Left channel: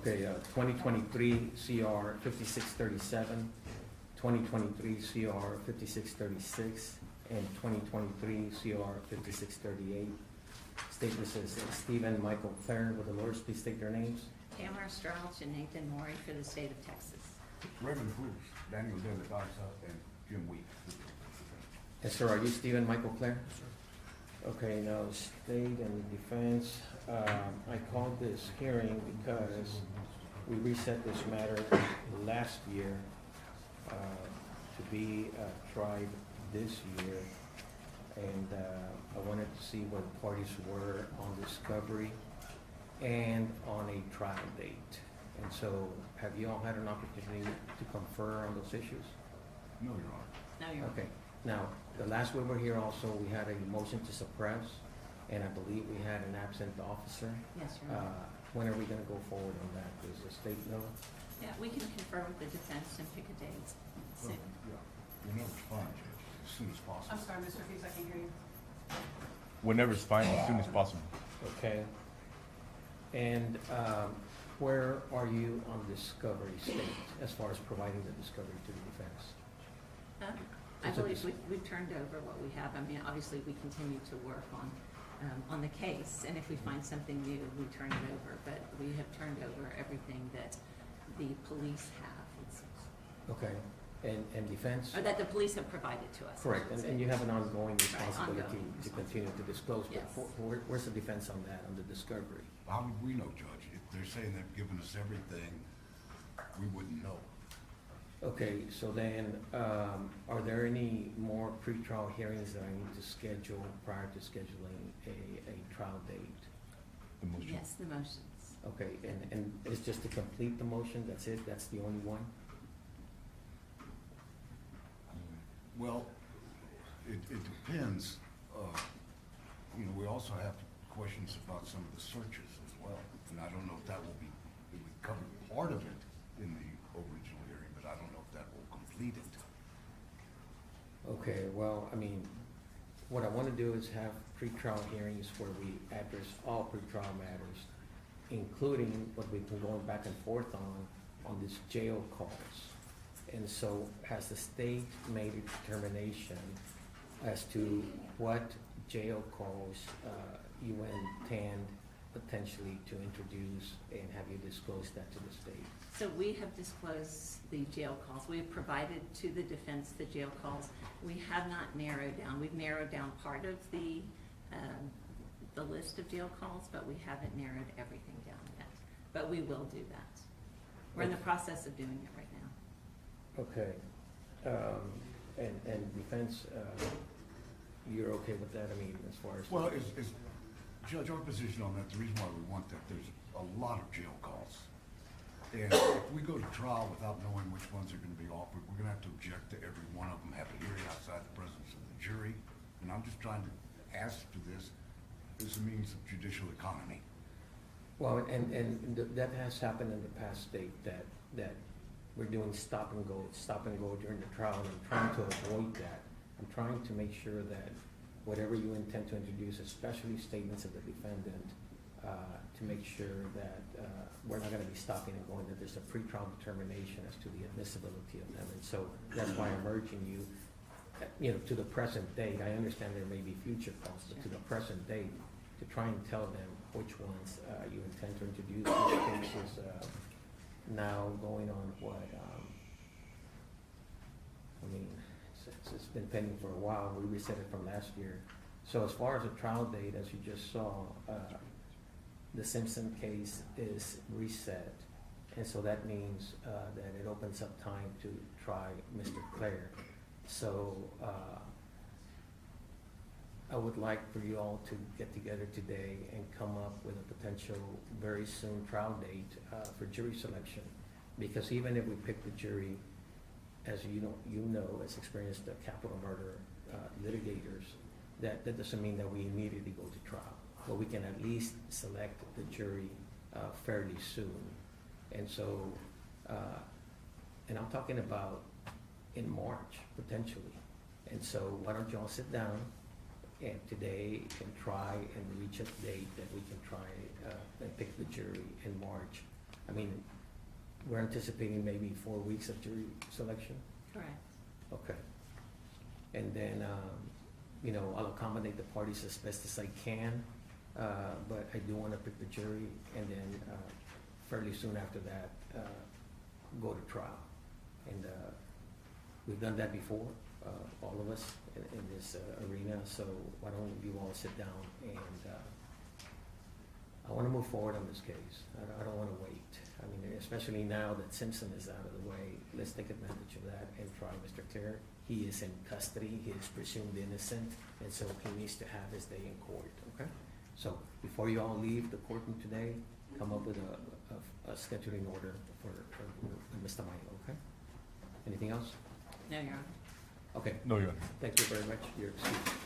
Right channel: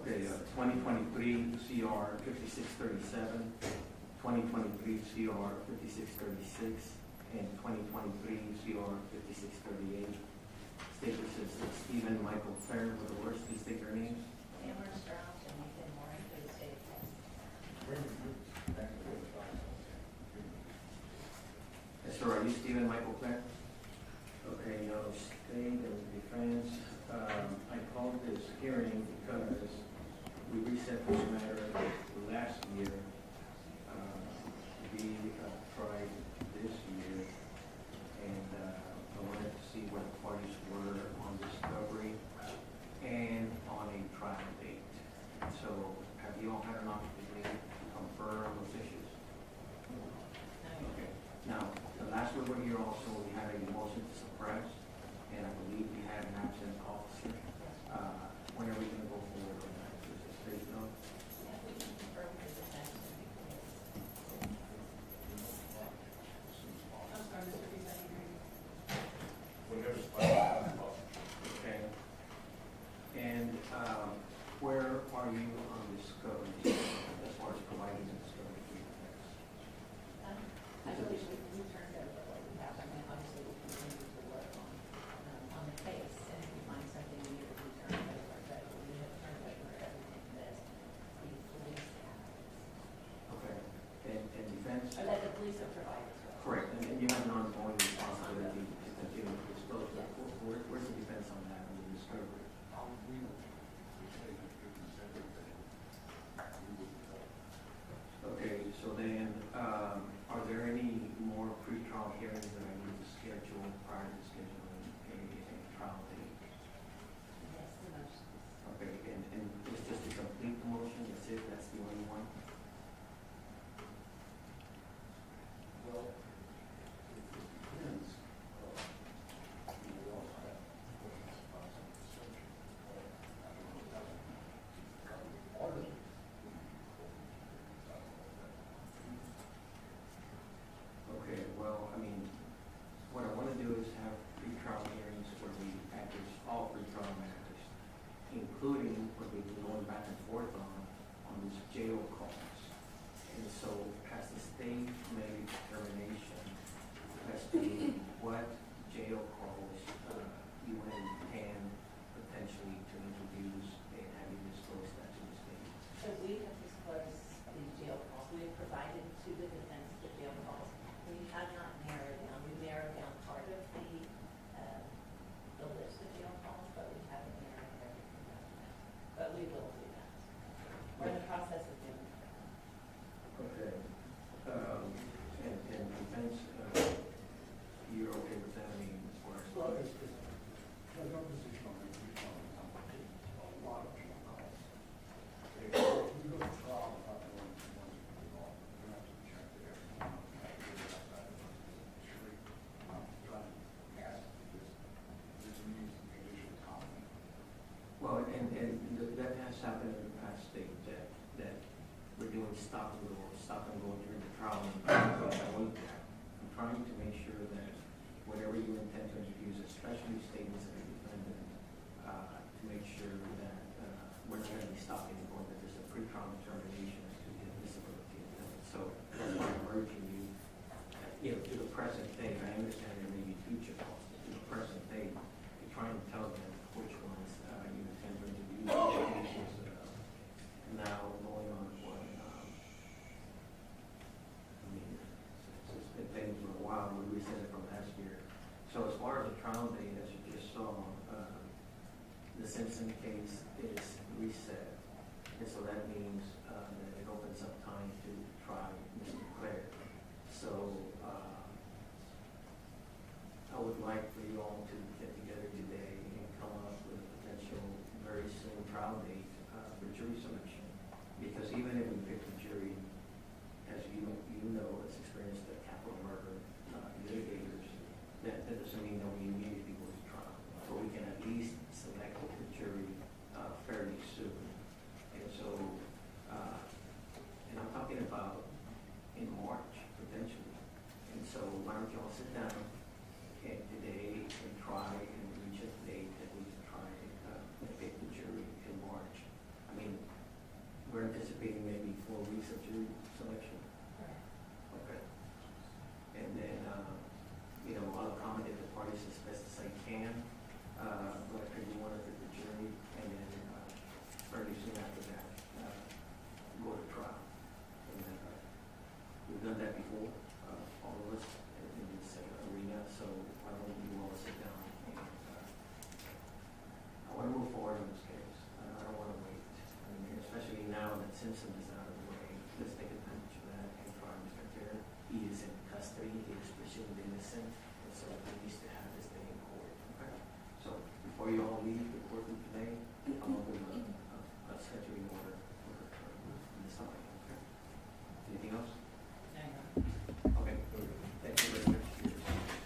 Okay, 2023 CR 5637, 2023 CR 5636, and 2023 CR 5638. Statement says Stephen Michael Claren for the lawyers. Please state their names. Tamara Strauss and Nathan Maury for the state of Texas. Reverend Woods, Daniel David and Jim Weeks. Yes, sir. Are you Stephen Michael Claren? Okay, now state and defense. I called this hearing because we reset this matter last year to be tried this year, and I wanted to see where the parties were on discovery and on a trial date. And so, have you all had an opportunity to confer on those issues? No, Your Honor. No, you're Okay. Now, the last we were here also, we had a motion to suppress, and I believe we had an absent officer. Yes, Your Honor. When are we gonna go forward on that? Does the state know? Yeah, we can confer with the defense and pick a date. Well, yeah, whenever it's fine, as soon as possible. I'm sorry, Mr. Hughes, I can hear you. Whenever it's fine, as soon as possible. Okay. And, where are you on discovery stage, as far as providing the discovery to the defense? I believe we've turned over what we have. I mean, obviously, we continue to work on the case, and if we find something new, we turn it over. But we have turned over everything that the police have, Okay. And defense? or that the police have provided to us. Correct, and you have an ongoing responsibility ongoing. to continue to disclose. Yes. Where's the defense on that, on the discovery? How would we know, Judge? If they're saying they've given us everything, we wouldn't know. Okay, so then, are there any more pretrial hearings that I need to schedule prior to scheduling a trial date? The motion. Yes, the motions. Okay, and it's just to complete the motion, that's it, that's the only one? Well, it depends. We also have questions about some of the searches as well. And I don't know if that will become part of it in the original hearing, but I don't know if that will complete it. Okay, well, I mean, what I wanna do is have pretrial hearings where we address all pretrial matters, including what we've been going back and forth on these jail calls. And so, has the state made a determination as to what jail calls you intend potentially to introduce, and have you disclosed that to the state? So we have disclosed the jail calls. We have provided to the defense the jail calls. We have not narrowed down. We've narrowed down part of the list of jail calls, but we haven't narrowed everything down yet. But we will do that. We're in the process of doing that right now. Okay, and defense, you're okay with that, I mean, as far as? Well, Judge, our position on that, the reason why we want that, there's a lot of jail calls. And if we go to trial without knowing which ones are gonna be offered, we're gonna have to object to every one of them, have a hearing outside the presence of the jury. And I'm just trying to ask for this as a means of judicial economy. Well, and that has happened in the past, state, that we're doing stop and go during the trial, and I'm trying to avoid that. I'm trying to make sure that whatever you intend to introduce, especially statements of the defendant, to make sure that we're not gonna be stopping and going, that there's a pre-trial determination as to the admissibility of them. And so that's why I'm urging you, to the present date, I understand there may be future calls, but to the present date, to try and tell them which ones you intend to introduce. This case is now going on what, it's been pending for a while. We reset it from last year. So as far as the trial date, as you just saw, the Simpson case is reset. And so that means that it opens up time to try Mr. Clare. So I would like for you all to get together today and come up with a potential very soon trial date for jury selection. Because even if we pick the jury, as you know, as experienced capital murder litigators, that doesn't mean that we immediately go to trial. But we can at least select the jury fairly soon. And so, and I'm talking about in March, potentially. And so why don't y'all sit down and today and try and reach a date that we can try and pick the jury in March. I mean, we're anticipating maybe 4 weeks of jury selection? Correct. Okay. And then, you know, I'll accommodate the parties as best as I can, but I do wanna pick the jury and then, fairly soon after that, go to trial. And, we've done that before, all of us in this arena, so why don't you all sit down and, I wanna move forward on this case. I don't wanna wait. I mean, especially now that Simpson is out of the way, let's take advantage of that and try Mr. Clear. He is in custody, he is presumed innocent, and so he needs to have his day in court, okay? So, before you all leave the courtroom today, come up with a scheduling order for Mr. Mayo, okay? Anything else? No, Your Honor. Okay, No, Your Honor. thank you very much for your time.